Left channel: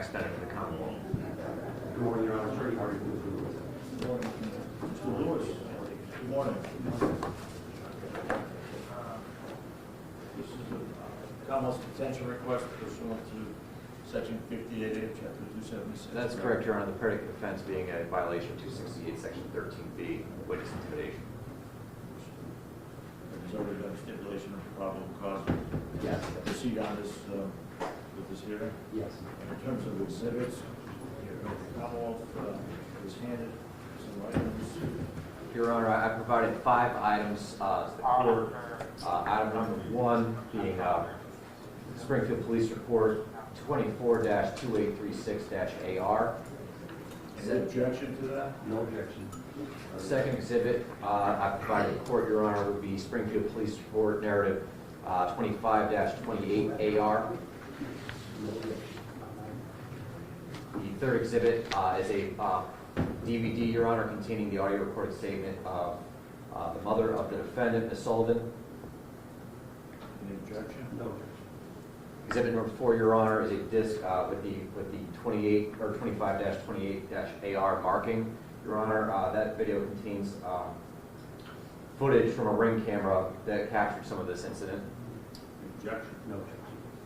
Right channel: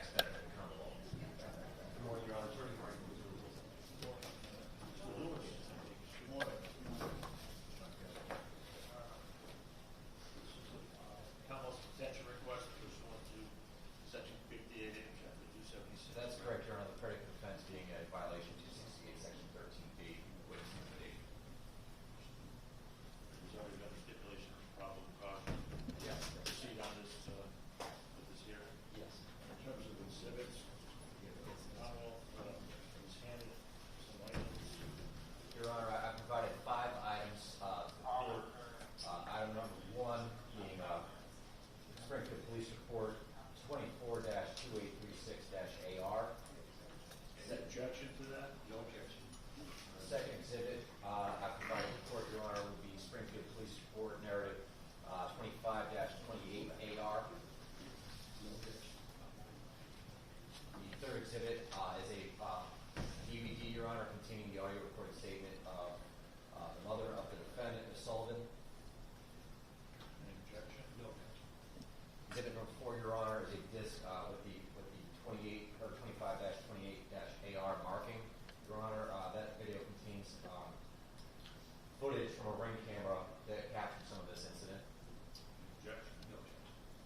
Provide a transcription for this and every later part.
tax benefit of the Commonwealth. Good morning, Your Honor. Attorney Hardy, please do this. Good morning, Mr. Lewis. Good morning. This is a Commonwealth's detention request pursuant to Section 58A of Chapter 276. That's correct, Your Honor. The predicate offense being a violation of 268, Section 13B, witness intimidation. There's already been a stipulation of probable cause. Yes. Proceed on this with this hearing. Yes. In terms of exhibits, the Commonwealth was handed some items. Your Honor, I provided 5 items to the court. Item number 1 being Springfield Police Report 24-2836-AR. Any objection to that? No objection. Second exhibit I provided the court, Your Honor, would be Springfield Police Report Narrative 25-28AR. No objection. The third exhibit is a DVD, Your Honor, containing the audio recorded statement of the mother of the defendant, Ms. Sullivan. Any objection? No objection. Exhibit number 4, Your Honor, is a disc with the 28 or 25-28-AR marking. Your Honor, that video contains footage from a ring camera that captured some of this incident. Objection? No objection.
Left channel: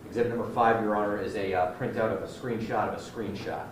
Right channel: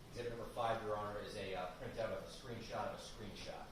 Exhibit number 5, Your Honor, is a printout of a screenshot of a screenshot.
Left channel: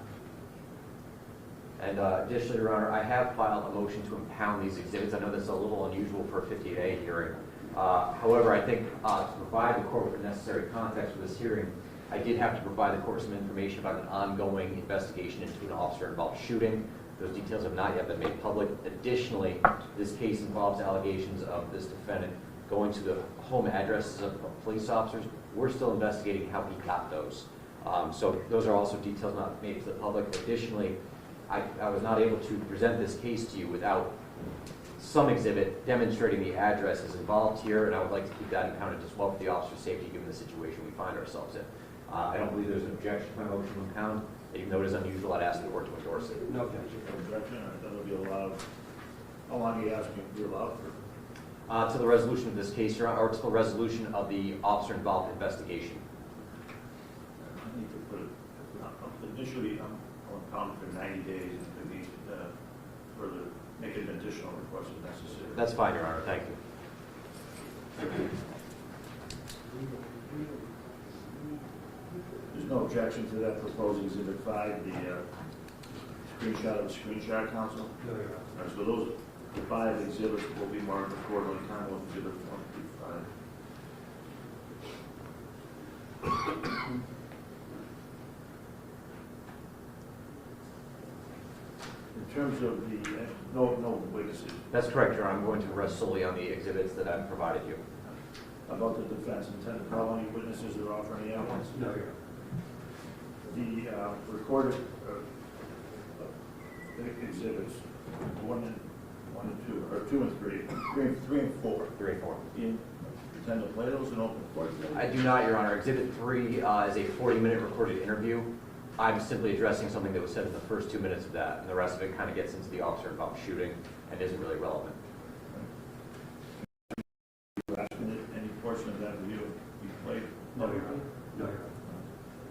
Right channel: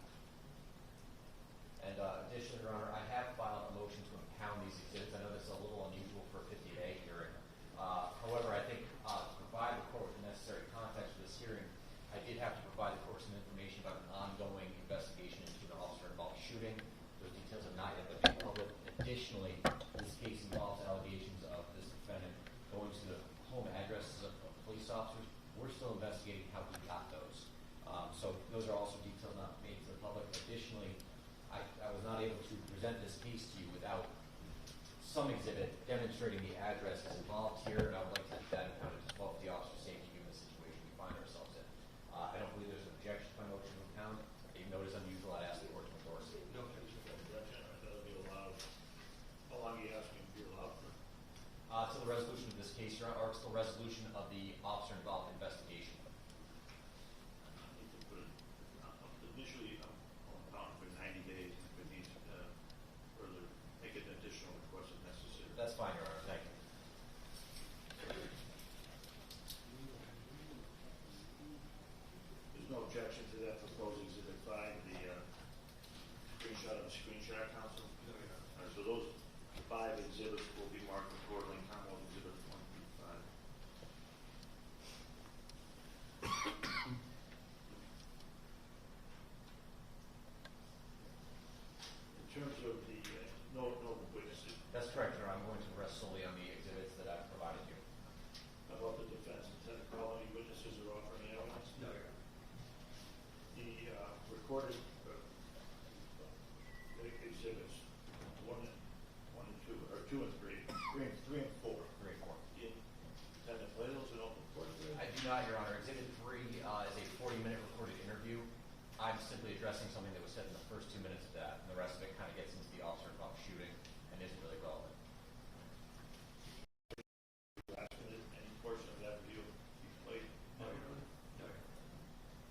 And additionally, Your Honor, I have filed a motion to impound these exhibits. I know this is a little unusual for a 58A hearing. However, I think to provide the court with the necessary context for this hearing, I did have to provide the court some information about an ongoing investigation into an officer-involved shooting. Those details have not yet been made public. Additionally, this case involves allegations of this defendant going to the home addresses of police officers. We're still investigating how he got those. So those are also details not made to the public. Additionally, I was not able to present this case to you without some exhibit demonstrating the addresses involved here, and I would like to keep that accounted as well for the officer's safety given the situation we find ourselves in. I don't believe there's an objection to my motion to impound. Even though it is unusual, I'd ask the court to endorse it. No objection. No objection? That'll be allowed. How long are you asking to be allowed for? To the resolution of this case, Your Honor, or to the resolution of the officer-involved investigation. I need to put it, initially, I'm impounded for 90 days, and if it needs further, make an additional request if necessary. That's fine, Your Honor. Thank you. There's no objection to that proposed exhibit 5, the screenshot of the screenshot, counsel? No, Your Honor. All right, so those 5 exhibits will be marked accordingly, Commonwealth Exhibit 1 through 5. In terms of the, no witnesses. That's correct, Your Honor. I'm going to rest solely on the exhibits that I've provided you. About the defense intent to call any witnesses or offer any evidence? No, Your Honor. The recorded exhibits 1 and 2, or 2 and 3, 3 and 4. 3 and 4. You intend to play those in open court? I do not, Your Honor. Exhibit 3 is a 40-minute recorded interview. I'm simply addressing something that was said in the first 2 minutes of that, and the rest of it kind of gets into the officer-involved shooting and isn't really relevant. Any portion of that video you played? No, Your Honor. No, Your Honor.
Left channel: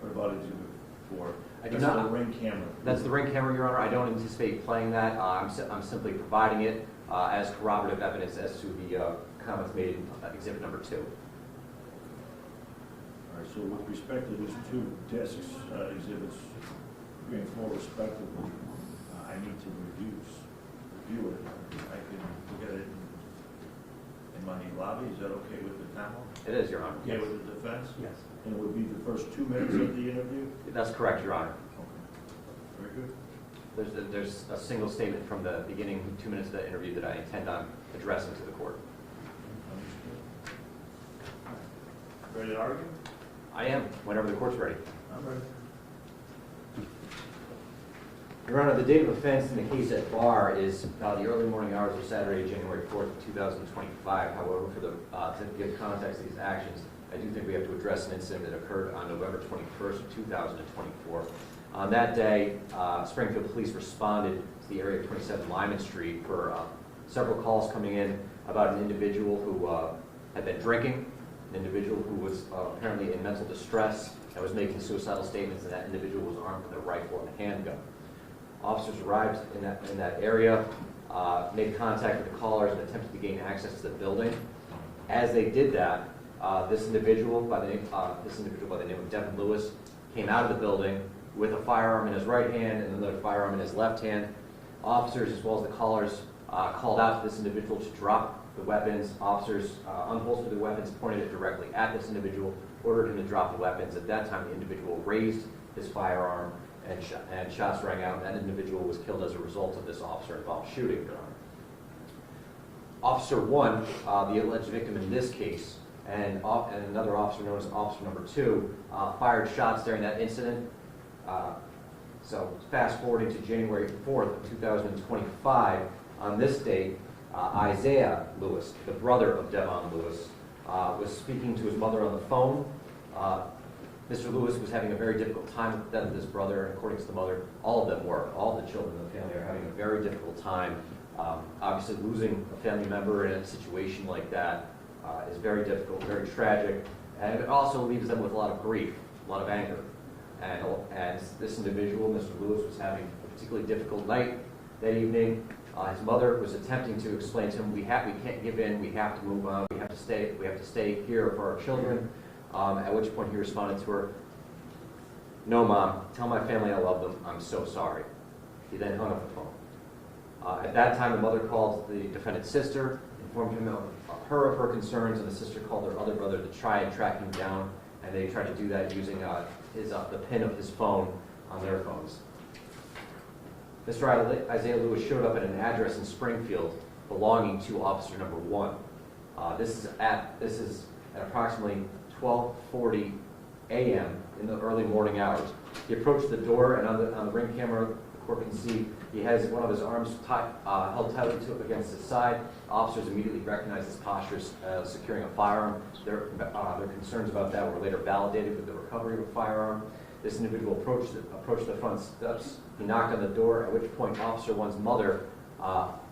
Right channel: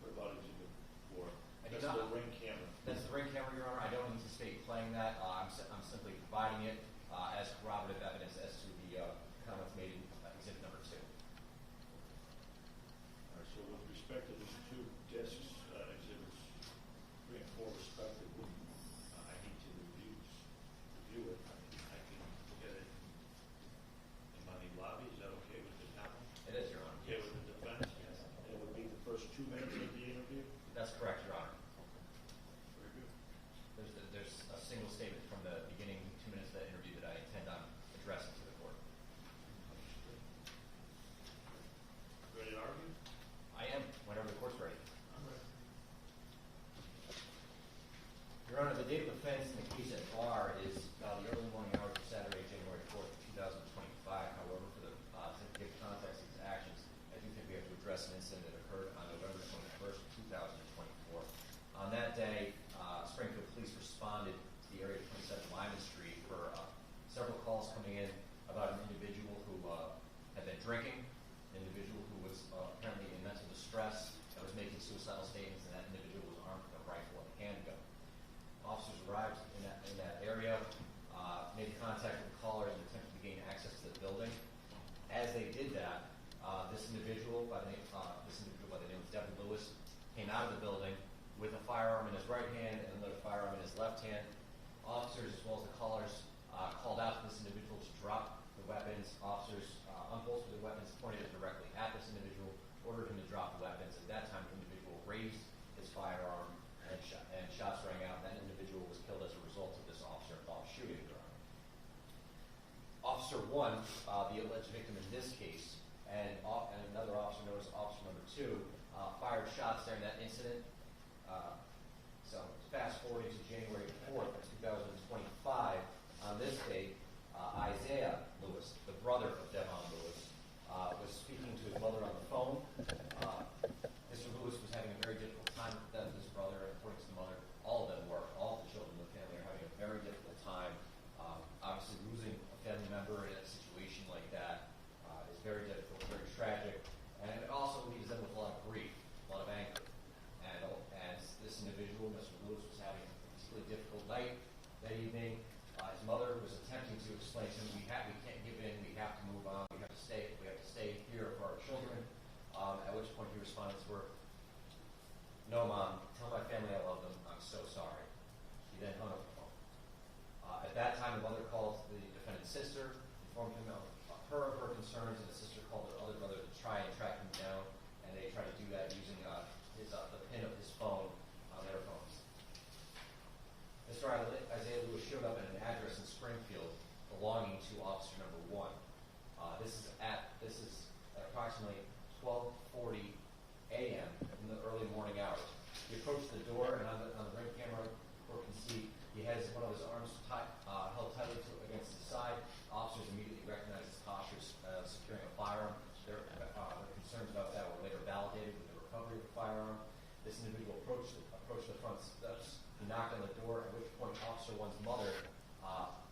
What about exhibit 4? I do That's not. the ring camera. That's the ring camera, Your Honor. I don't anticipate playing that. I'm simply providing it as corroborative evidence as to the comments made in exhibit number 2. All right, so with respect to these 2 discs, exhibits 3 and 4 respectively, I need to review it. I can get it in my lobby. Is that okay with the panel? It is, Your Honor. Okay with the defense? Yes. And it would be the first 2 minutes of the interview? That's correct, Your Honor. Very good. There's a single statement from the beginning 2 minutes of that interview that I intend on addressing to the court. Understood. Ready to argue? I am, whenever the court's ready. I'm ready. Your Honor, the date of offense in the case at bar is the early morning hours of Saturday, January 4th, 2025. However, for the to give context to these actions, I do think we have to address an incident that occurred on November 21st, 2024. On that day, Springfield Police responded to the area of 27 Lyman Street for several calls coming in about an individual who had been drinking, an individual who was apparently in mental distress, and was making suicidal statements, and that individual was armed with a rifle and a handgun. Officers arrived in that area, made contact with the callers, and attempted to gain access to the building. As they did that, this individual by the name of Devin Lewis came out of the building with a firearm in his right hand and another firearm in his left hand. Officers, as well as the callers, called out to this individual to drop the weapons. Officers unholstered the weapons, pointed it directly at this individual, ordered him to drop the weapons. At that time, the individual raised his firearm, and shots rang out, and that individual was killed as a result of this officer-involved shooting, Your Honor. Officer 1, the alleged victim in this case, and another officer known as Officer Number 2, fired shots during that incident. So fast forwarding to January 4th, 2025, on this date, Isaiah Lewis, the brother of Devon Lewis, was speaking to his mother on the phone. Mr. Lewis was having a very difficult time with the death of his brother, and according to the mother, all of them were. All the children in the family are having a very difficult time. Obviously, losing a family member in a situation like that is very difficult, very tragic, and it also leaves them with a lot of grief, a lot of anger. And as this individual, Mr. Lewis, was having a particularly difficult night that evening, his mother was attempting to explain to him, we can't give in, we have to move on, we have to stay here for our children. At which point he responded to her, "No, Mom, tell my family I love them, I'm so sorry." He then hung up the phone. At that time, the mother called the defendant's sister, informed him of her concerns, and the sister called her other brother to try and track him down, and they tried to do that using the pin of his phone on their phones. Mr. Isaiah Lewis showed up at an address in Springfield belonging to Officer Number 1. This is at approximately 12:40 a.m. in the early morning hours. He approached the door, and on the ring camera, the court can see he has one of his arms held tightly against his side. Officers immediately recognized his posture as securing a firearm. Their concerns about that were later validated with the recovery of a firearm. This individual approached the front steps. He knocked on the door, at which point Officer 1's mother,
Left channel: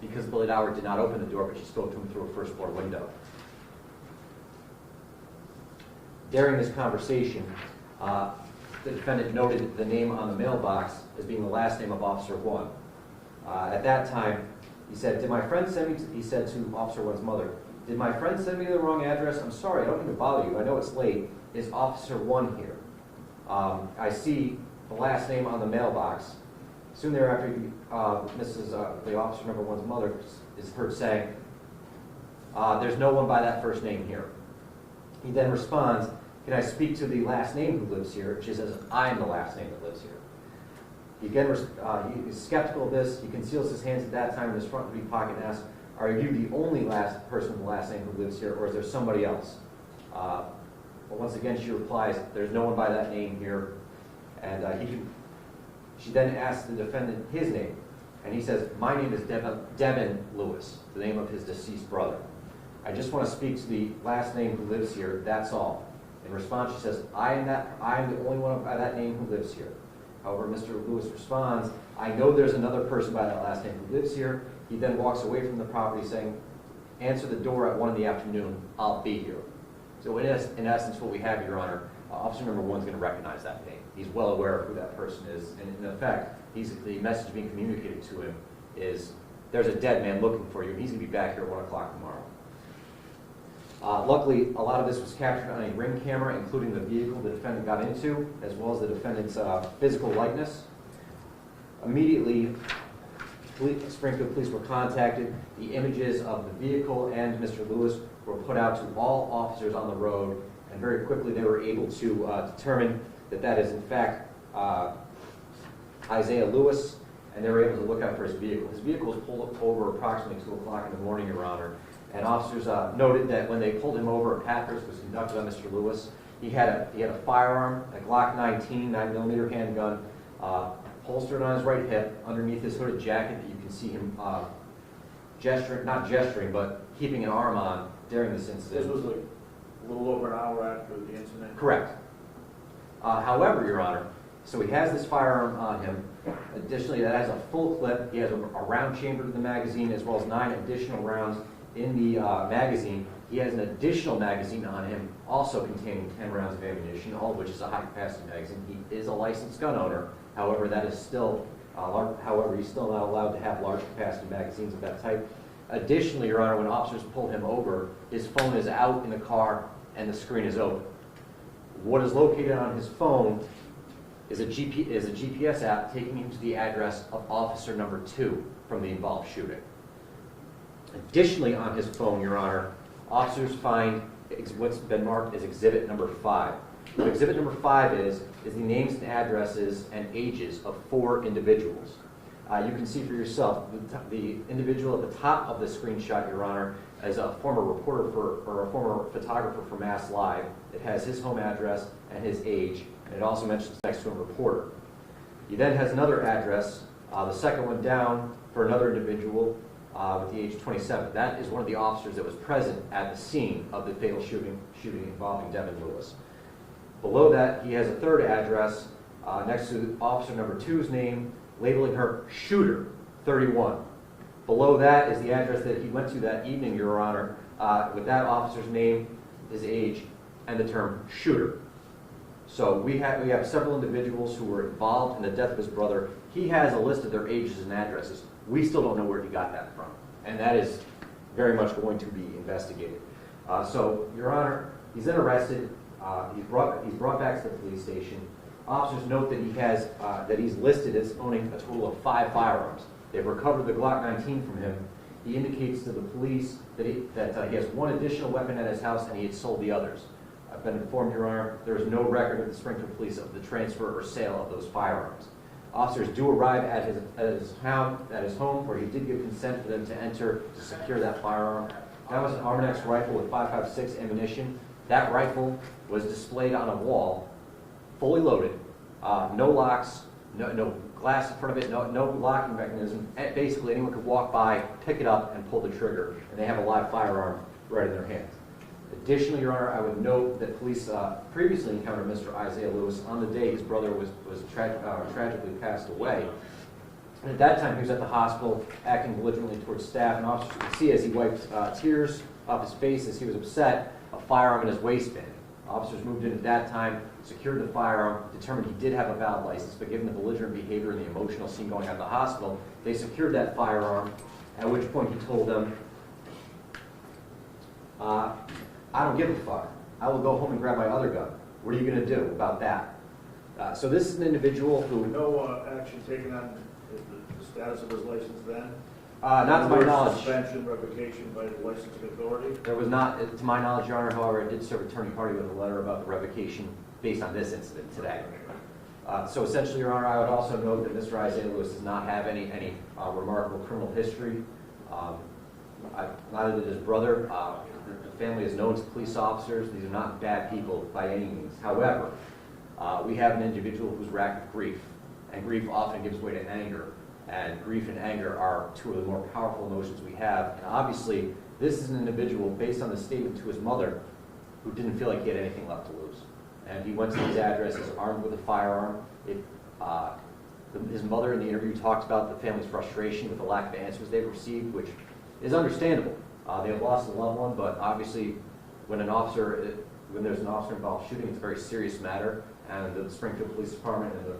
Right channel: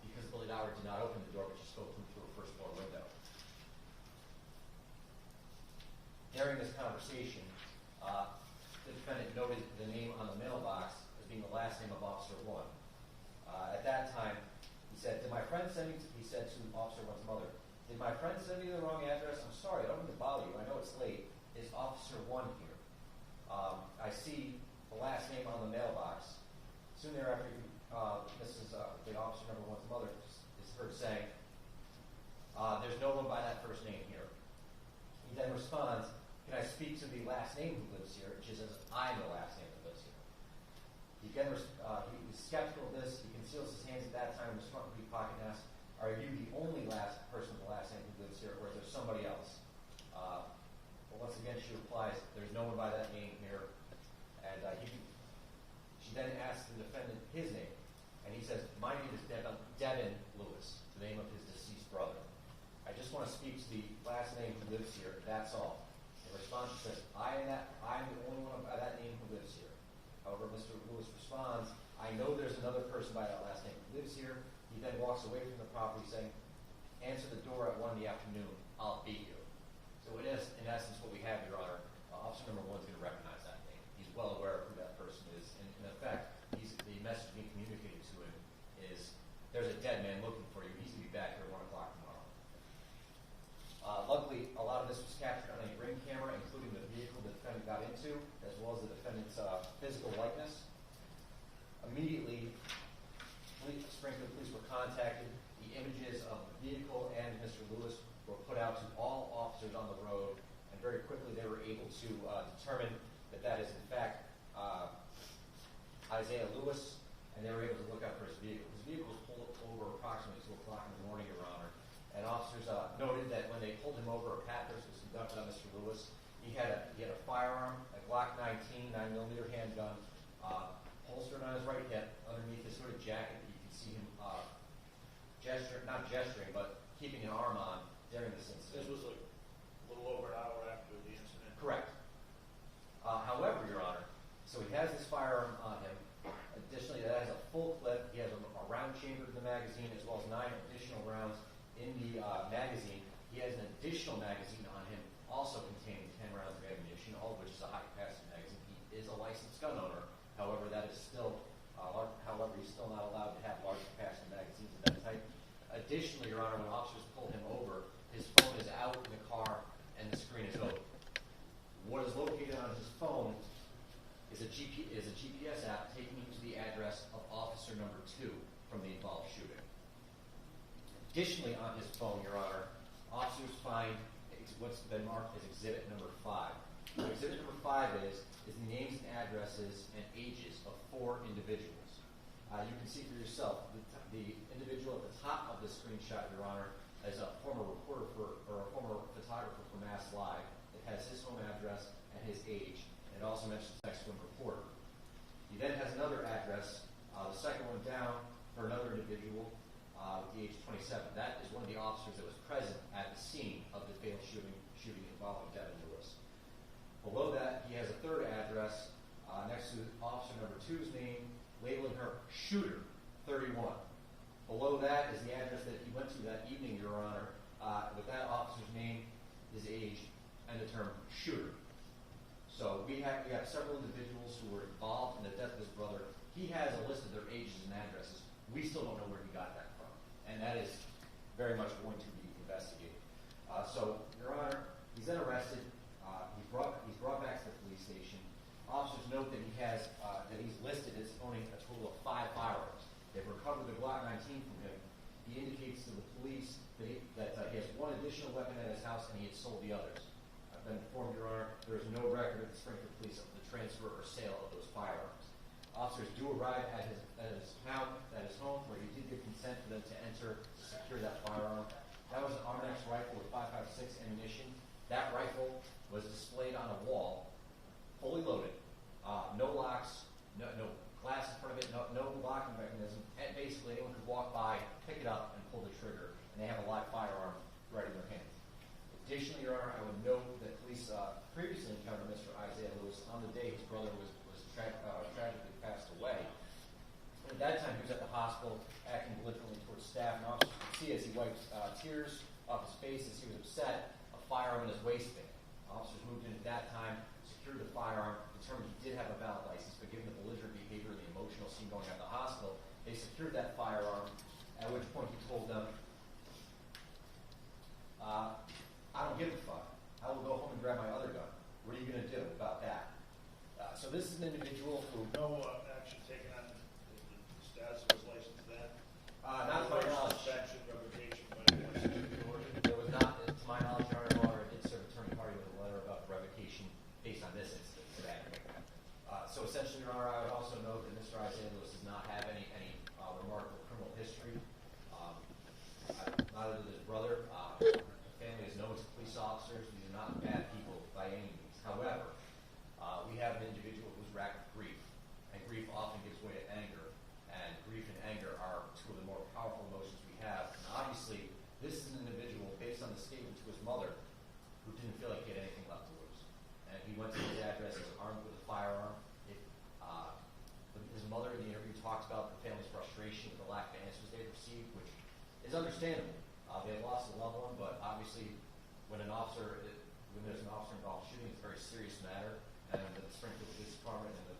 because Billy Doward did not open the door, but she spoke to him through a first floor window. During this conversation, the defendant noted the name on the mailbox as being the last name of Officer 1. At that time, he said, "Did my friend send me," he said to Officer 1's mother, "Did my friend send me the wrong address? I'm sorry, I don't mean to bother you. I know it's late. Is Officer 1 here? I see the last name on the mailbox." Soon thereafter, the Officer Number 1's mother is heard saying, "There's no one by that first name here." He then responds, "Can I speak to the last name who lives here?" She says, "I am the last name that lives here." He again, he is skeptical of this. He conceals his hands at that time in his front pocket and asks, "Are you the only person with the last name who lives here, or is there somebody else?" But once again, she replies, "There's no one by that name here." And she then asks the defendant his name, and he says, "My name is Devin Lewis," the name of his deceased brother. "I just want to speak to the last name who lives here, that's all." In response, she says, I am the only one by that name who lives here." However, Mr. Lewis responds, "I know there's another person by that last name who lives here." He then walks away from the property saying, "Answer the door at 1 p.m, I'll be here." So in essence, what we have, Your Honor, Officer Number 1 is going to recognize that name. He's well aware of who that person is, and in effect, the message being communicated to him is, "There's a dead man looking for you, and he's going to be back here at 1 o'clock tomorrow." Luckily, a lot of this was captured on a ring camera, including the vehicle the defendant got into, as well as the defendant's physical likeness. Immediately, Springfield police were contacted. The images of the vehicle and Mr. Lewis were put out to all officers on the road, and very quickly they were able to determine that is in fact Isaiah Lewis, and they were able to look out for his vehicle. His vehicle was pulled over approximately 2 o'clock in the morning, Your Honor, and officers noted that when they pulled him over, a pat was conducted on Mr. Lewis. He had a firearm, a Glock 19 9mm handgun, holstered on his right hip, underneath his hooded jacket. You can see him not gesturing, but keeping an arm on during this incident. This was like a little over an hour after the incident? Correct. However, Your Honor, so he has this firearm on him. Additionally, that has a full clip. He has a round chambered in the magazine, as well as 9 additional rounds in the magazine. He has an additional magazine on him, also containing 10 rounds of ammunition, all of which is a high-capacity magazine. He is a licensed gun owner. However, that is still, however, he's still not allowed to have large-capacity magazines of that type. Additionally, Your Honor, when officers pull him over, his phone is out in the car and the screen is open. What is located on his phone is a GPS app taking him to the address of officer number 2 from the involved shooting. Additionally, on his phone, Your Honor, officers find what's been marked as exhibit number 5. What exhibit number 5 is the names and addresses and ages of 4 individuals. You can see for yourself, the individual at the top of the screenshot, Your Honor, is a former reporter or a former photographer for Mass Live. It has his home address and his age, and it also mentions next to him reporter. He then has another address, the second one down, for another individual with the age 27. That is one of the officers that was present at the scene of the fatal shooting involving Devin Lewis. Below that, he has a third address next to officer number 2's name, labeling her shooter 31. Below that is the address that he went to that evening, Your Honor, with that officer's name, his age, and the term shooter. So we have several individuals who were involved in the death of his brother. He has a list of their ages and addresses. We still don't know where he got that from, and that is very much going to be investigated. So, Your Honor, he's then arrested. He's brought back to the police station. Officers note that he's listed as owning a total of 5 firearms. They've recovered the Glock 19 from him. He indicates to the police that he has 1 additional weapon at his house and he had sold the others. I've been informed, Your Honor, there is no record of the Springfield Police of the transfer or sale of those firearms. Officers do arrive at his home, where he did give consent for them to enter to secure that firearm. That was an Armanex rifle with .556 ammunition. That rifle was displayed on a wall, fully loaded, no locks, no glass in front of it, no locking mechanism. Basically, anyone could walk by, pick it up, and pull the trigger, and they have a live firearm right in their hand. Additionally, Your Honor, I would note that police previously encountered Mr. Isaiah Lewis on the day his brother was tragically passed away. And at that time, he was at the hospital acting belligerently towards staff, and officers could see as he wiped tears off his face as he was upset, a firearm in his waistband. Officers moved in at that time, secured the firearm, determined he did have a valid license, but given the belligerent behavior and the emotional scene going on at the hospital, they secured that firearm, at which point he told them, I don't give a fuck. I will go home and grab my other gun. What are you going to do about that? So this is an individual who... No action taken on the status of his license then? Not to my knowledge. Suspension, revocation by the licensing authority? There was not, to my knowledge, Your Honor. However, I did serve Attorney Hardy with a letter about the revocation based on this incident today. So essentially, Your Honor, I would also note that Mr. Isaiah Lewis does not have any remarkable criminal history. Neither did his brother. The family is known to police officers. These are not bad people by any means. However, we have an individual who's racked with grief, and grief often gives way to anger. And grief and anger are 2 of the more powerful emotions we have. And obviously, this is an individual, based on the statement to his mother, who didn't feel like he had anything left to lose. And he went to his address, he's armed with a firearm. His mother in the interview talked about the family's frustration with the lack of answers they've received, which is understandable. They have lost a loved one, but obviously when there's an officer involved shooting, it's a very serious matter, and the Springfield Police Department and the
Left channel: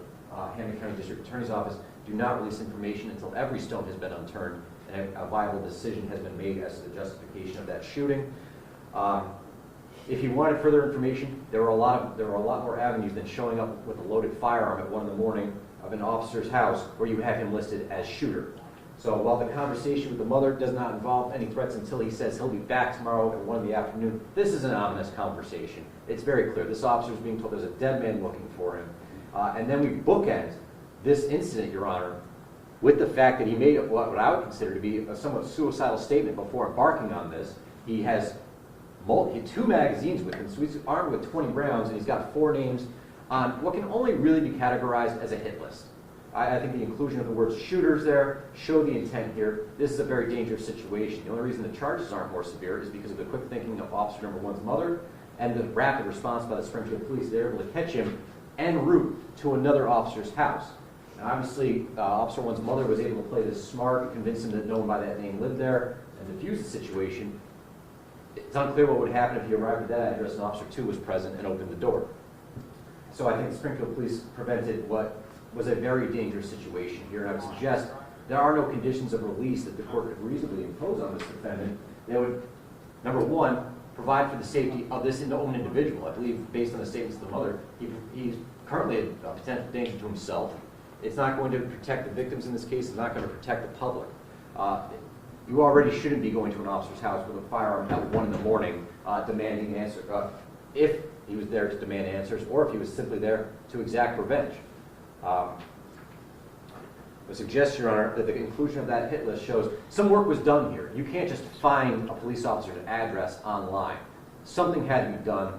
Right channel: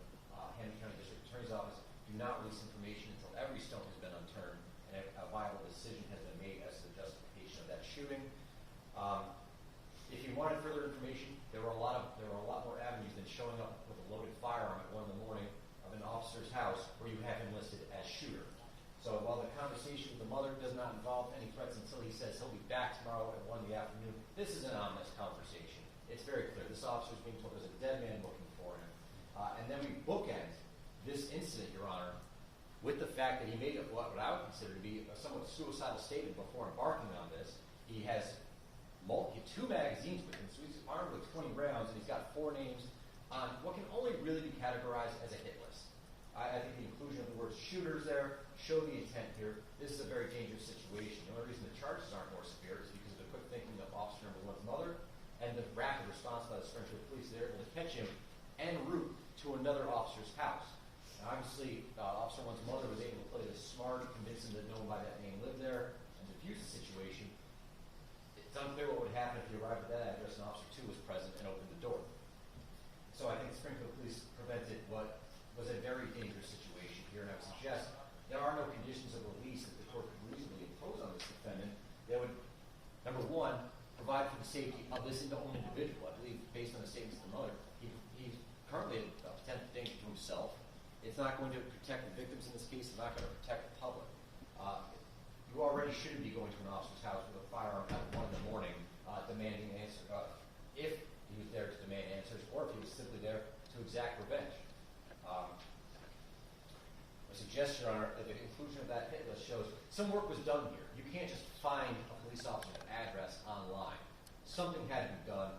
Hampton County District Attorney's Office do not release information until every stone has been unturned and a viable decision has been made as to the justification of that shooting. If you wanted further information, there were a lot more avenues than showing up with a loaded firearm at 1 in the morning of an officer's house where you have him listed as shooter. So while the conversation with the mother does not involve any threats until he says he'll be back tomorrow at 1 in the afternoon, this is an ominous conversation. It's very clear. This officer is being told there's a dead man looking for him. And then we bookend this incident, Your Honor, with the fact that he made what I would consider to be a somewhat suicidal statement before embarking on this. He has 2 magazines with him, so he's armed with 20 rounds, and he's got 4 names on what can only really be categorized as a hit list. I think the inclusion of the word shooters there show the intent here. This is a very dangerous situation. The only reason the charges aren't more severe is because of the quick thinking of officer number 1's mother and the rapid response by the Springfield Police. They're able to catch him en route to another officer's house. Now, obviously, officer 1's mother was able to play this smart, convince him that no one by that name lived there, and defuse the situation. It's unclear what would happen if he arrived at that address and Officer 2 was present and opened the door. So I think the Springfield Police prevented what was a very dangerous situation here, and I would suggest there are no conditions of release that the court could reasonably impose on this defendant that would, number one, provide for the safety of this own individual. I believe, based on the statements of the mother, he's currently a potential danger to himself. It's not going to protect the victims in this case. It's not going to protect the public. You already shouldn't be going to an officer's house with a firearm at 1 in the morning demanding an answer. If he was there to demand answers, or if he was simply there to exact revenge. I suggest, Your Honor, that the conclusion of that hit list shows some work was done here. You can't just find a police officer's address online. Something had to be done.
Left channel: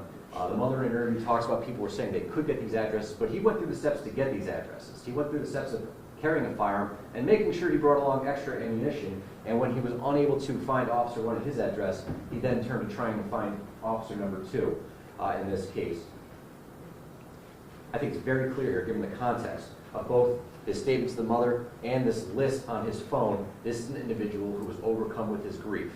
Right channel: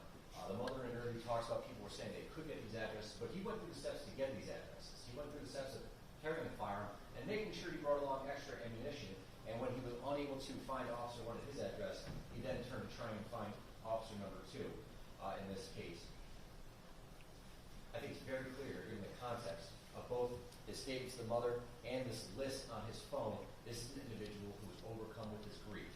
The mother in an interview talks about people were saying they could get these addresses, but he went through the steps to get these addresses. He went through the steps of carrying a firearm and making sure he brought along extra ammunition. And when he was unable to find Officer 1 at his address, he then turned to trying to find Officer number 2 in this case. I think it's very clear here, given the context of both his statements to the mother and this list on his phone, this is an individual who was overcome with his grief.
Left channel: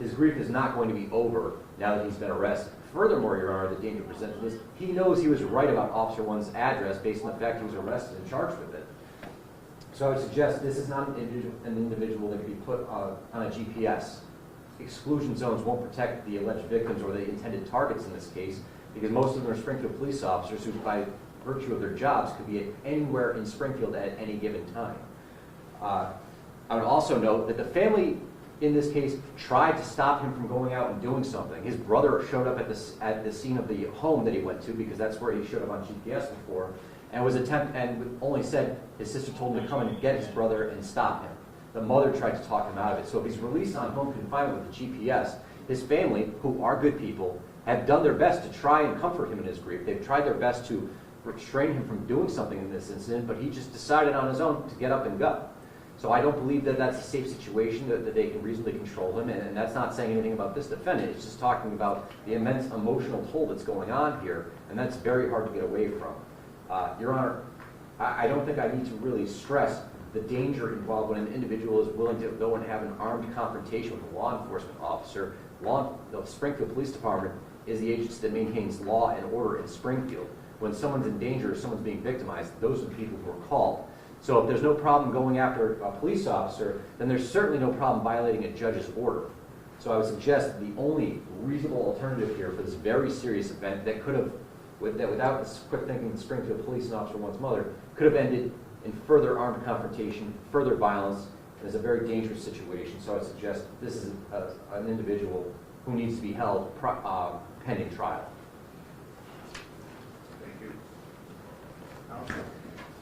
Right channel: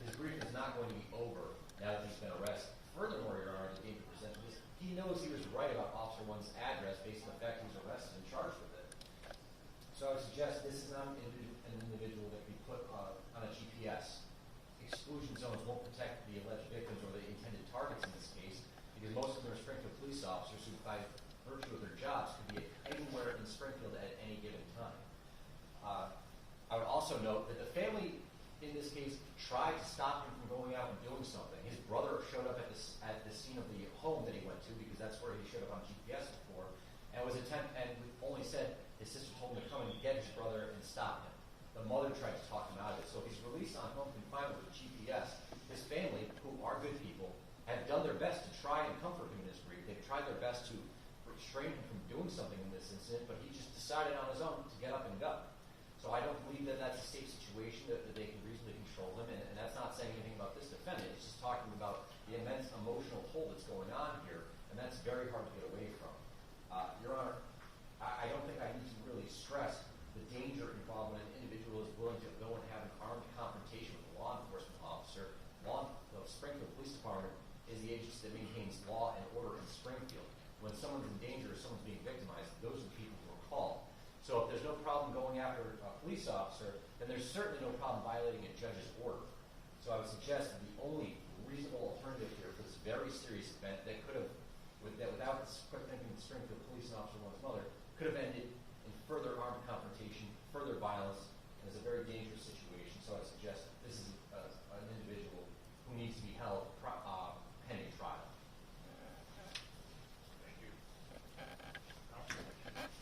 His grief is not going to be over now that he's been arrested. Furthermore, Your Honor, the danger presented is he knows he was right about Officer 1's address based on the fact he was arrested and charged with it. So I would suggest this is not an individual that can be put on a GPS. Exclusion zones won't protect the alleged victims or the intended targets in this case, because most of them are Springfield police officers who, by virtue of their jobs, could be anywhere in Springfield at any given time. I would also note that the family, in this case, tried to stop him from going out and doing something. His brother showed up at the scene of the home that he went to, because that's where he showed up on GPS before, and only said his sister told him to come and get his brother and stop him. The mother tried to talk him out of it. So if he's released on home confinement with the GPS, his family, who are good people, have done their best to try and comfort him in his grief. They've tried their best to restrain him from doing something in this incident, but he just decided on his own to get up and go. So I don't believe that that's a safe situation, that they can reasonably control him, and that's not saying anything about this defendant. It's just talking about the immense emotional toll that's going on here, and that's very hard to get away from. Your Honor, I don't think I need to really stress the danger involved when an individual is willing to go and have an armed confrontation with a law enforcement officer. The Springfield Police Department is the agency that maintains law and order in Springfield. When someone's in danger or someone's being victimized, those are the people who are called. So if there's no problem going after a police officer, then there's certainly no problem violating a judge's order. So I would suggest that the only reasonable alternative here for this very serious event that could have, without quick thinking, the Springfield Police and Officer 1's mother, could have ended in further armed confrontation, further violence, and is a very dangerous situation. So I would suggest this is an individual who needs to be held pending trial. Thank you.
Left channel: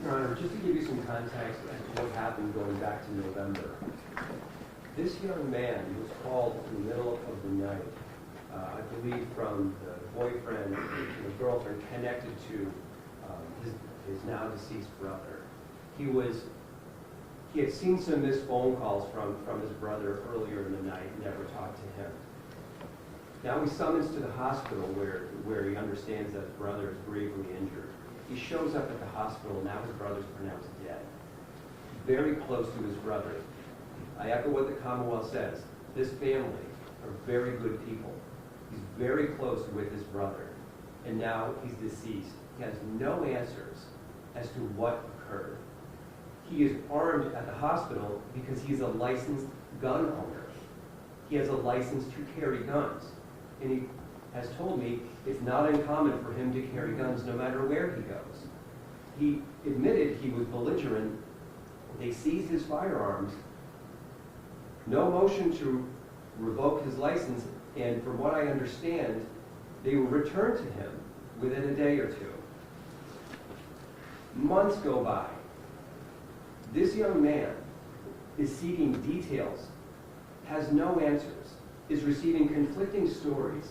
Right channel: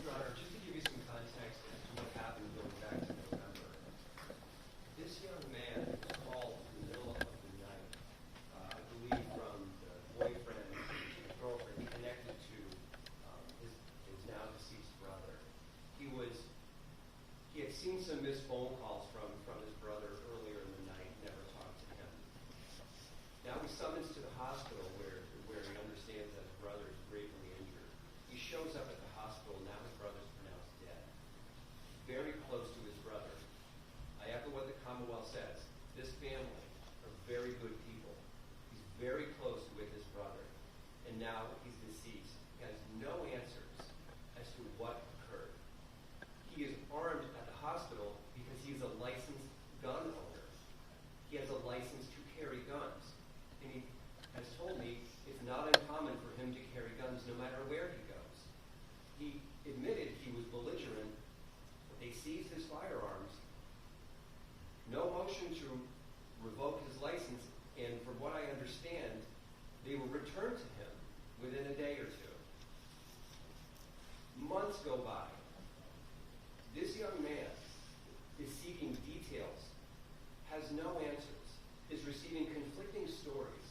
Your Honor, just to give you some context as to what happened going back to November, this young man was called in the middle of the night, I believe from the boyfriend and the girlfriend connected to his now deceased brother. He had seen some missed phone calls from his brother earlier in the night, never talked to him. Now he summons to the hospital where he understands that his brother is gravely injured. He shows up at the hospital, now his brother's pronounced dead. Very close to his brother. I echo what the Commonwealth says. This family are very good people. He's very close with his brother. And now he's deceased. He has no answers as to what occurred. He is armed at the hospital because he's a licensed gun owner. He has a license to carry guns. And he has told me it's not uncommon for him to carry guns no matter where he goes. He admitted he was belligerent. They seized his firearms. No motion to revoke his license, and from what I understand, they will return to him within a day or two. Months go by. This young man is seeking details, has no answers, is receiving conflicting stories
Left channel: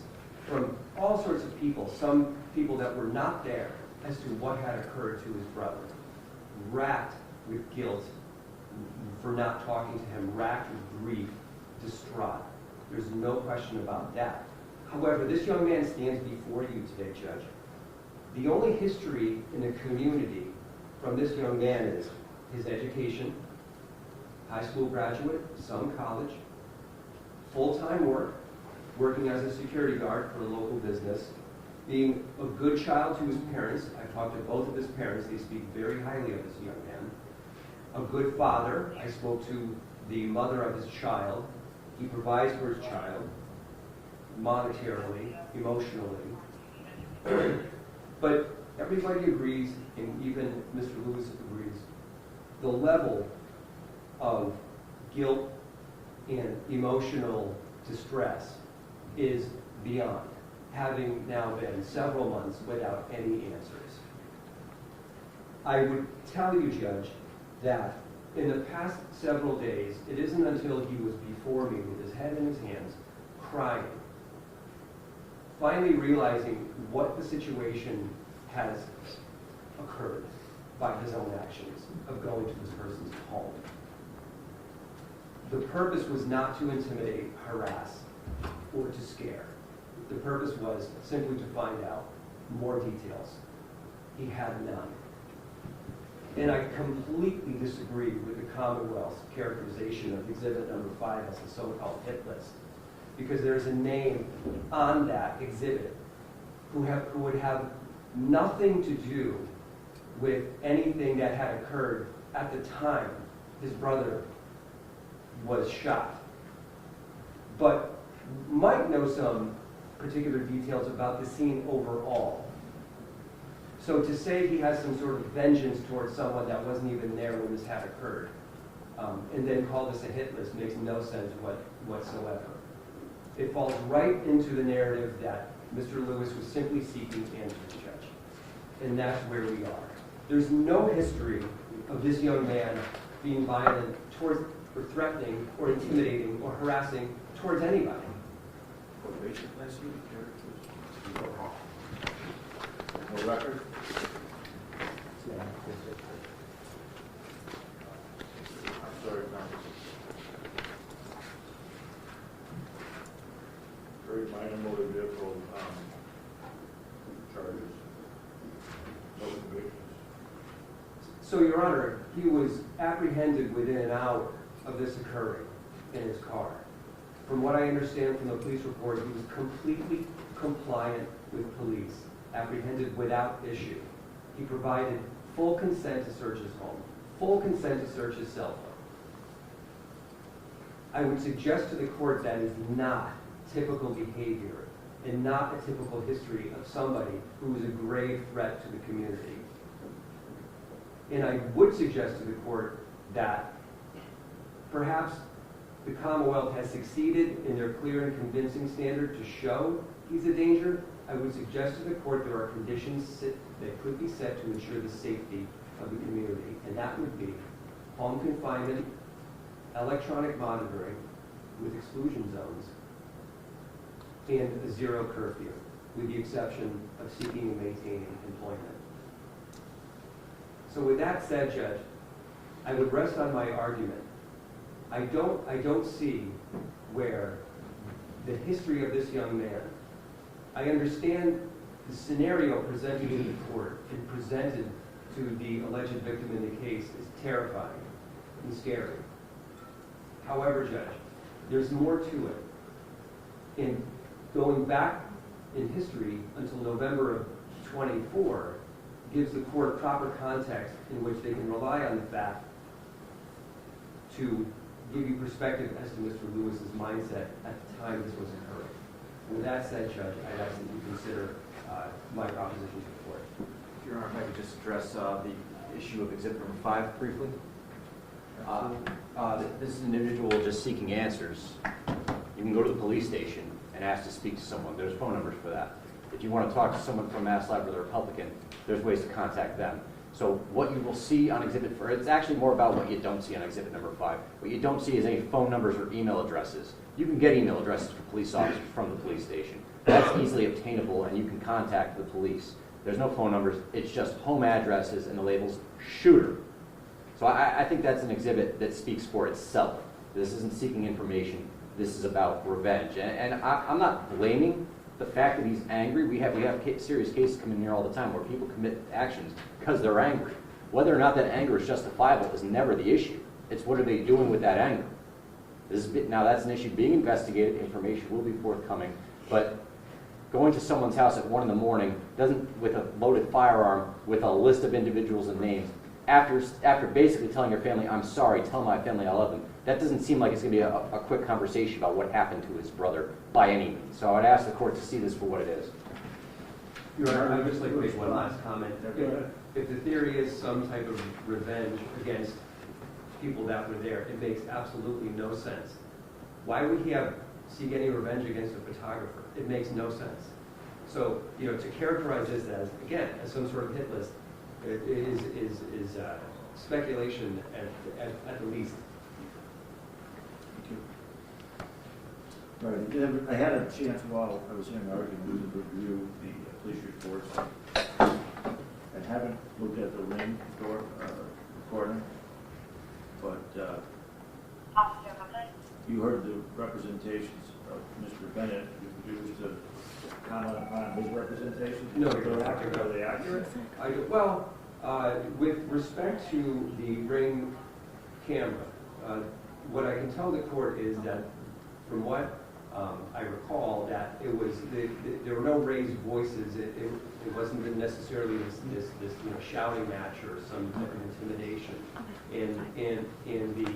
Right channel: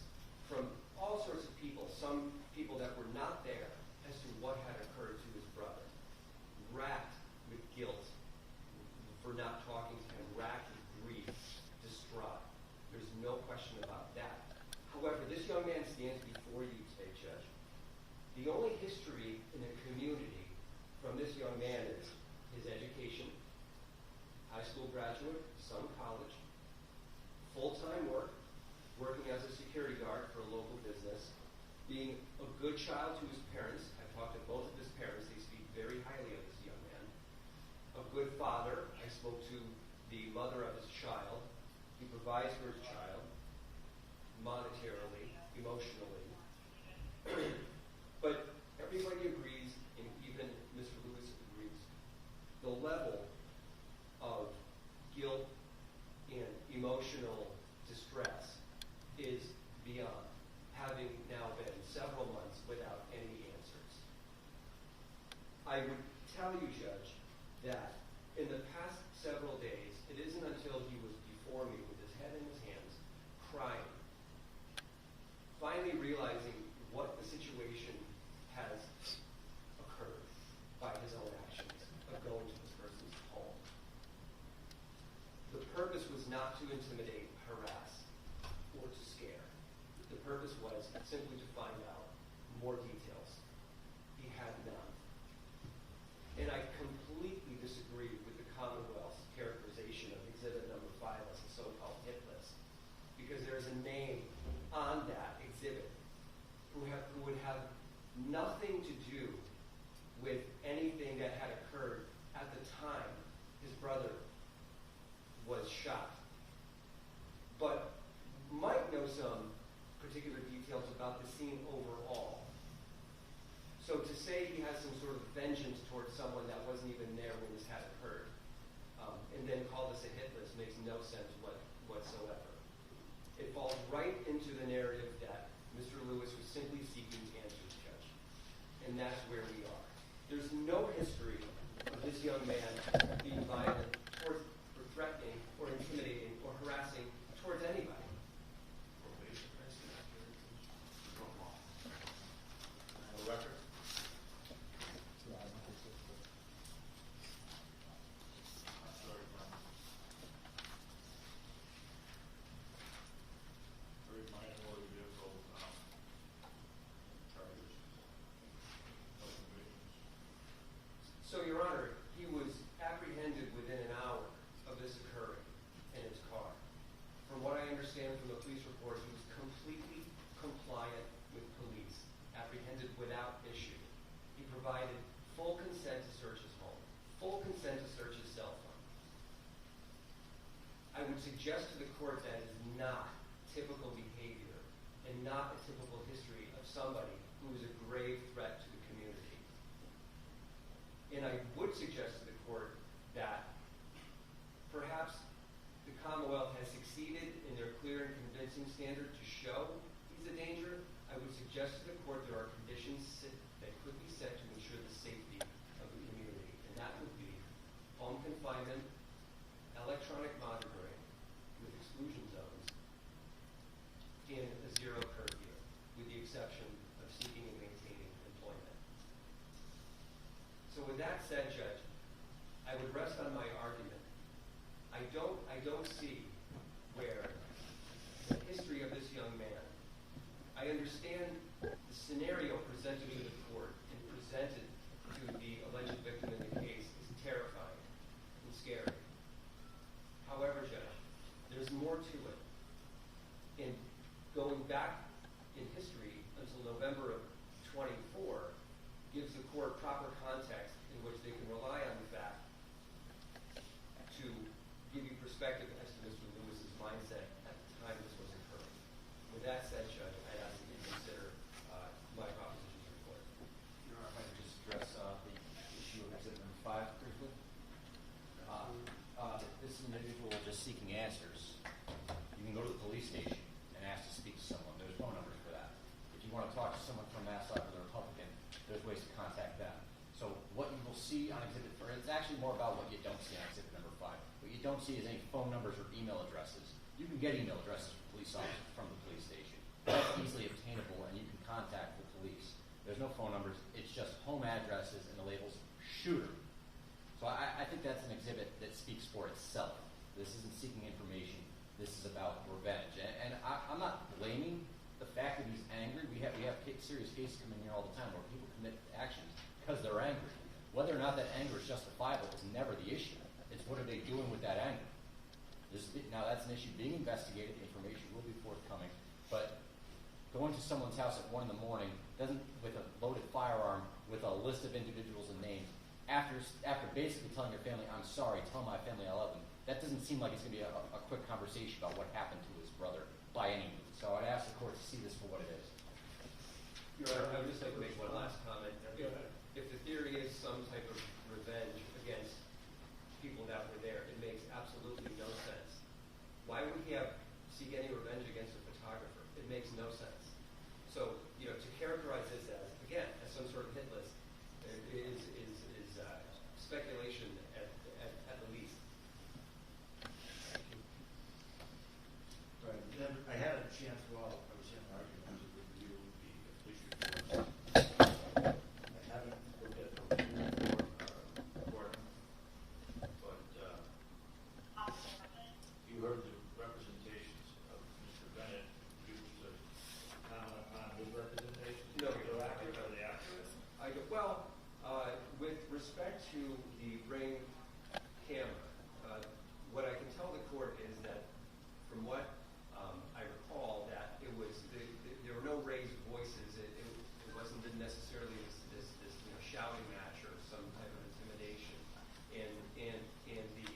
from all sorts of people, some people that were not there, as to what had occurred to his brother. Racked with guilt for not talking to him, racked with grief, distraught. There's no question about that. However, this young man stands before you today, Judge. The only history in the community from this young man is his education, high school graduate, some college, full-time work, working as a security guard for a local business, being a good child to his parents. I talked to both of his parents. They speak very highly of this young man. A good father. I spoke to the mother of his child. He provides for his child monetarily, emotionally. But everybody agrees, and even Mr. Lewis agrees, the level of guilt and emotional distress is beyond, having now been several months without any answers. I would tell you, Judge, that in the past several days, it isn't until he was before me with his head in his hands, crying, finally realizing what the situation has occurred by his own actions of going to this person's home. The purpose was not to intimidate, harass, or to scare. The purpose was simply to find out more details. He had none. And I completely disagree with the Commonwealth's characterization of Exhibit number 5 as a so-called hit list, because there's a name on that exhibit who would have nothing to do with anything that had occurred at the time his brother was shot, but might know some particular details about the scene overall. So to say he has some sort of vengeance towards someone that wasn't even there when this had occurred, and then call this a hit list makes no sense whatsoever. It falls right into the narrative that Mr. Lewis was simply seeking answers, Judge. And that's where we are. There's no history of this young man being violent towards, or threatening, or intimidating, or harassing towards anybody. No record? I'm sorry, no. Very minor motor vehicle charges. No convictions. So, Your Honor, he was apprehended within an hour of this occurring in his car. From what I understand from the police report, he was completely compliant with police, apprehended without issue. He provided full consent to search his home, full consent to search his cell phone. I would suggest to the court that is not typical behavior and not a typical history of somebody who is a grave threat to the community. And I would suggest to the court that perhaps the Commonwealth has succeeded in their clear and convincing standard to show he's a danger. I would suggest to the court there are conditions that could be set to ensure the safety of the community, and that would be home confinement, electronic monitoring with exclusion zones, and a zero curfew, with the exception of seeking and maintaining employment. So with that said, Judge, I would rest on my argument. I don't see where the history of this young man, I understand the scenario presented in the court and presented to the alleged victim in the case is terrifying and scary. However, Judge, there's more to it. And going back in history until November of 24 gives the court proper context in which they can rely on the fact to give you perspective as to Mr. Lewis's mindset at the time this was occurring. With that said, Judge, I'd ask that you consider my proposition to the court. Your Honor, if I could just address the issue of Exhibit number 5 briefly. This is an individual just seeking answers. You can go to the police station and ask to speak to someone. There's phone numbers for that. If you want to talk to someone from Mass Life or the Republican, there's ways to contact them. So what you will see on Exhibit 4, it's actually more about what you don't see on Exhibit number 5. What you don't see is any phone numbers or email addresses. You can get email addresses for police officers from the police station. That's easily obtainable, and you can contact the police. There's no phone numbers. It's just home addresses and the labels shooter. So I think that's an exhibit that speaks for itself. This isn't seeking information. This is about revenge. And I'm not blaming the fact that he's angry. We have serious cases come in here all the time where people commit actions because they're angry. Whether or not that anger is justifiable is never the issue. It's what are they doing with that anger. Now that's an issue being investigated, information will be forthcoming, but going to someone's house at 1 in the morning, with a loaded firearm, with a list of individuals and names, after basically telling your family, I'm sorry, tell my family I love them, that doesn't seem like it's going to be a quick conversation about what happened to his brother by any means. So I would ask the court to see this for what it is. Your Honor, I would just like to make one last comment. If the theory is some type of revenge against people that were there, it makes absolutely no sense. Why would he seek any revenge against a photographer? It makes no sense. So, to characterize this as some sort of hit list, is speculation at the least. Right. I had a chance while I was in an argument to review the police reports. I haven't looked at the ring recording, but you heard the representations of Mr. Bennett. You produced a comment on his representations. No, are they accurate? With respect to the ring camera, what I can tell the court is that, from what I recall, that it was there were no raised voices. It wasn't necessarily this shouting match or some type of intimidation. In the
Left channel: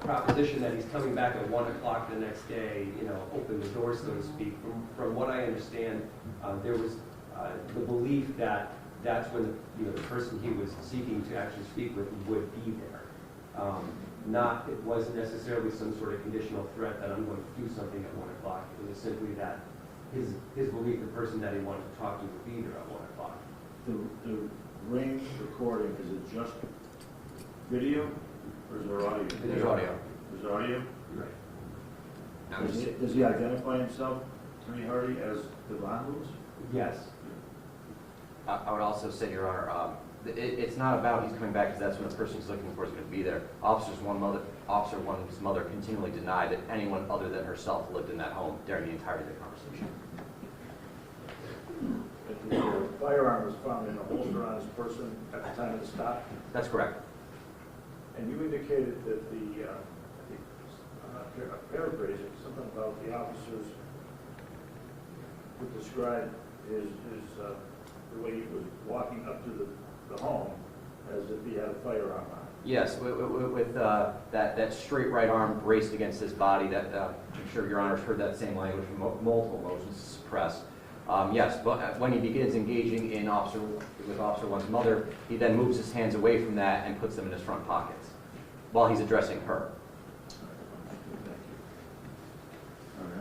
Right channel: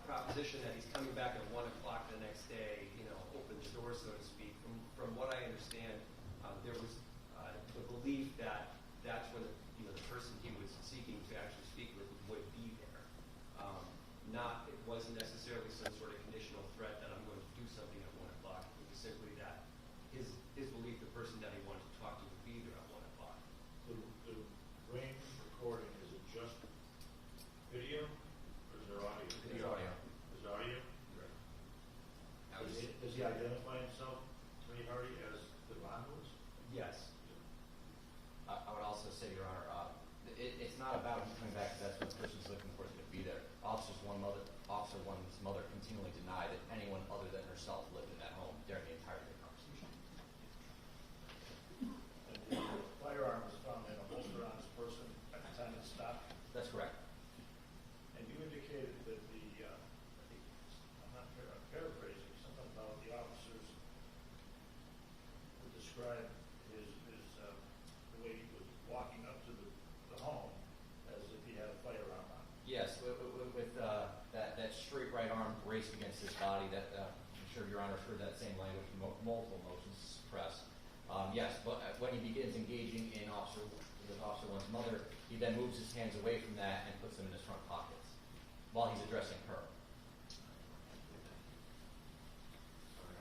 proposition that he's coming back at 1 o'clock the next day, open the door, so to speak. From what I understand, there was the belief that that's when the person he was seeking to actually speak with would be there. It wasn't necessarily some sort of conditional threat that I'm going to do something at 1 o'clock. It was simply that his belief, the person that he wanted to talk to, would be there at 1 o'clock. The ring recording, is it just video or is there audio? There's audio. There's audio? Right. Does he identify himself, Attorney Hardy, as Devon Lewis? Yes. I would also say, Your Honor, it's not about he's coming back because that's when the person he's looking for is going to be there. Officer one's mother continually denied that anyone other than herself lived in that home during the entirety of the conversation. The firearm was found in a holster on his person at the time of the stop? That's correct. And you indicated that paraphrasing, something about the officers would describe the way he was walking up to the home as if he had a firearm on. Yes, with that straight right arm braced against his body. That I'm sure Your Honor's heard that same language from multiple motions to suppress. Yes, but when he begins engaging with Officer One's mother, he then moves his hands away from that and puts them in his front pockets while he's addressing her. All right,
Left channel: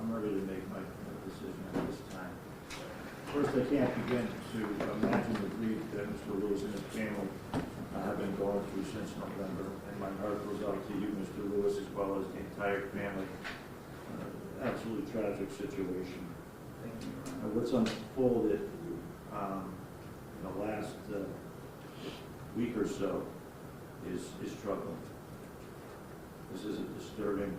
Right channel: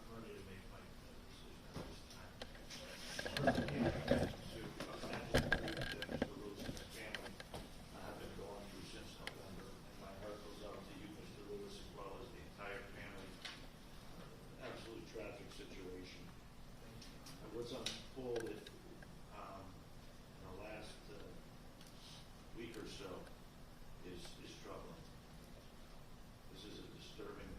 I'm ready to make my decision at this time. First, I can't begin to imagine the grief that Mr. Lewis and his family have been going through since November, and my heart goes out to you, Mr. Lewis, as well as the entire family. Absolutely tragic situation. What's unfolded in the last week or so is troubling. This is a disturbing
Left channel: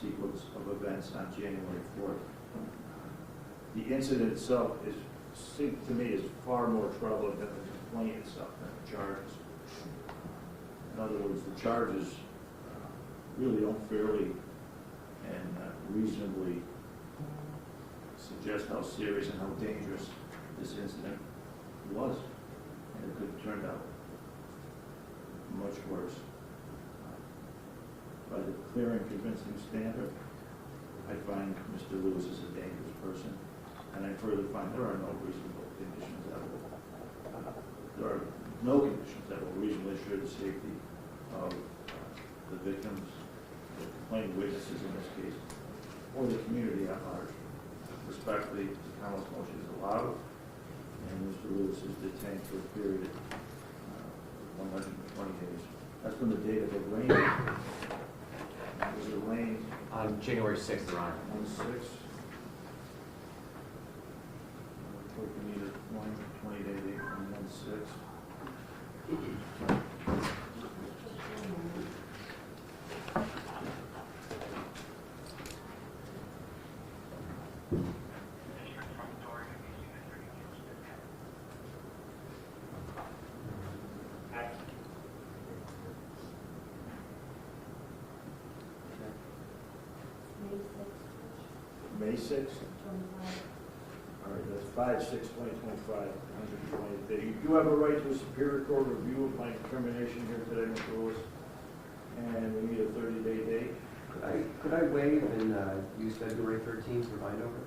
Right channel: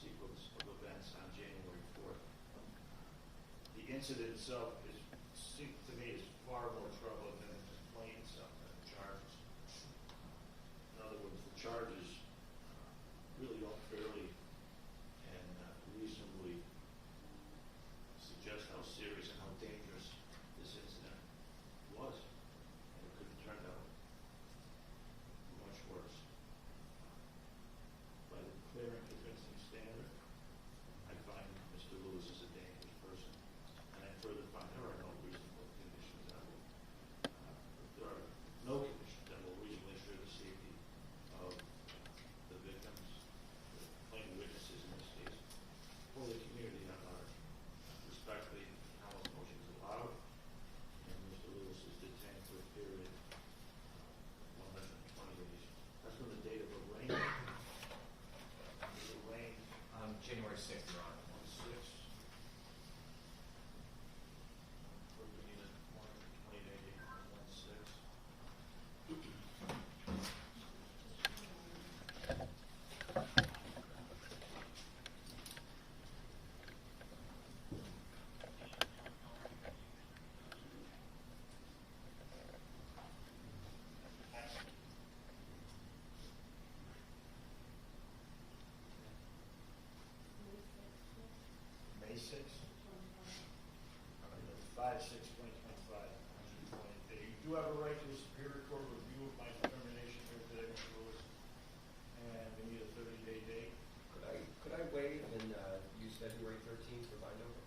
sequence of events on January 4th. The incident itself seems to me is far more troubling than the complaint itself, than the charges. In other words, the charges really don't fairly and reasonably suggest how serious and how dangerous this incident was, and it could have turned out much worse. By the clear and convincing standard, I find Mr. Lewis is a dangerous person, and I further find there are no reasonable conditions that will reasonably assure the safety of the victims, the complainant witnesses in this case, or the community at large. Respectfully, the Commonwealth motion is allowed, and Mr. Lewis is detained for a period of 120 days. That's from the date of the rain. Was it rain? On January 6th, Your Honor. On the 6th. We need a 20-day date from 1/6. May 6th? All right, that's 5/6/2025, 120th day. You do have a right to a Superior Court review of my determination here today, Mr. Lewis, and we need a 30-day date. Could I waive and use February 13th for bind over?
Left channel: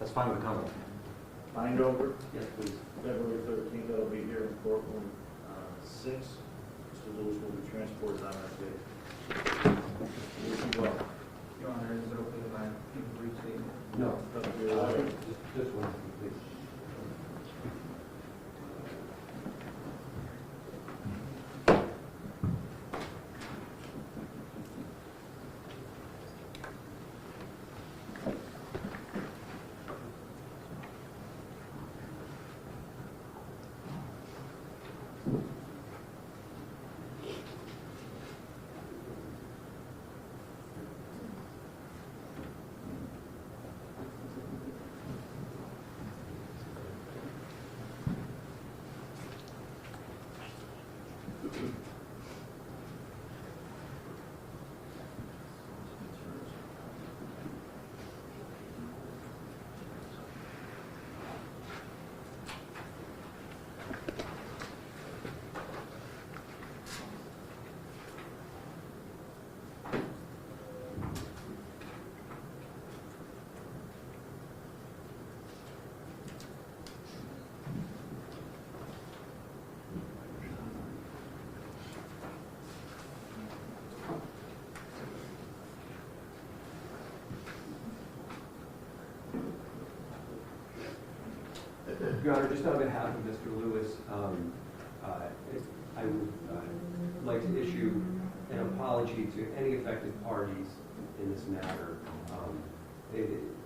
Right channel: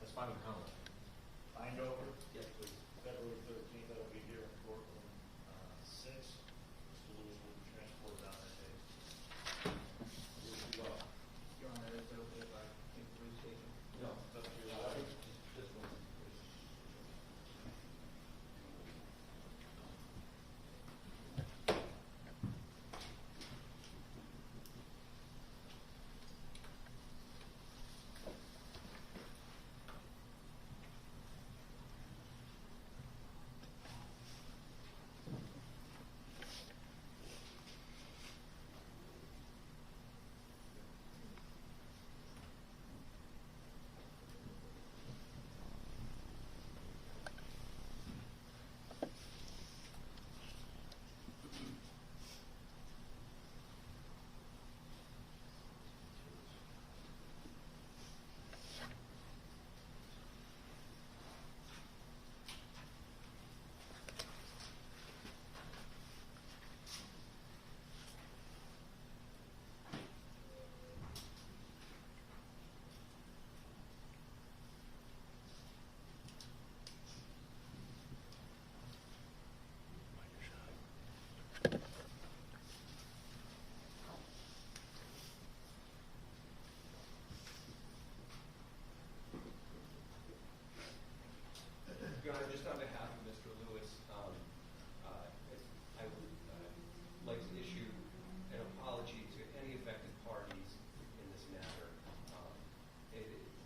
That's fine with the Commonwealth. Bind over, Yes, please. February 13th, that'll be here in courtroom 6. Mr. Lewis will be transported on that day. Wish you well. Your Honor, is it okay if I give a brief statement? No. Up to your lawyer. This one, please. Your Honor, just on behalf of Mr. Lewis, I would like to issue an apology to any affected parties in this matter.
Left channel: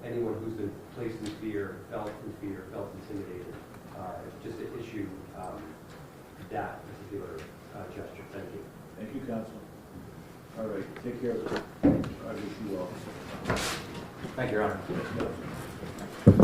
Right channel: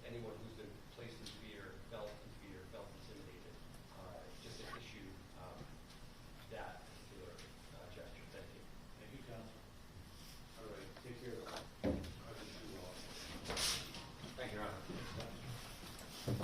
Anyone who's been placed in fear, felt intimidated, just to issue that particular gesture. Thank you. Thank you, counsel. All right, take care of it. I wish you well. Thank you, Your Honor.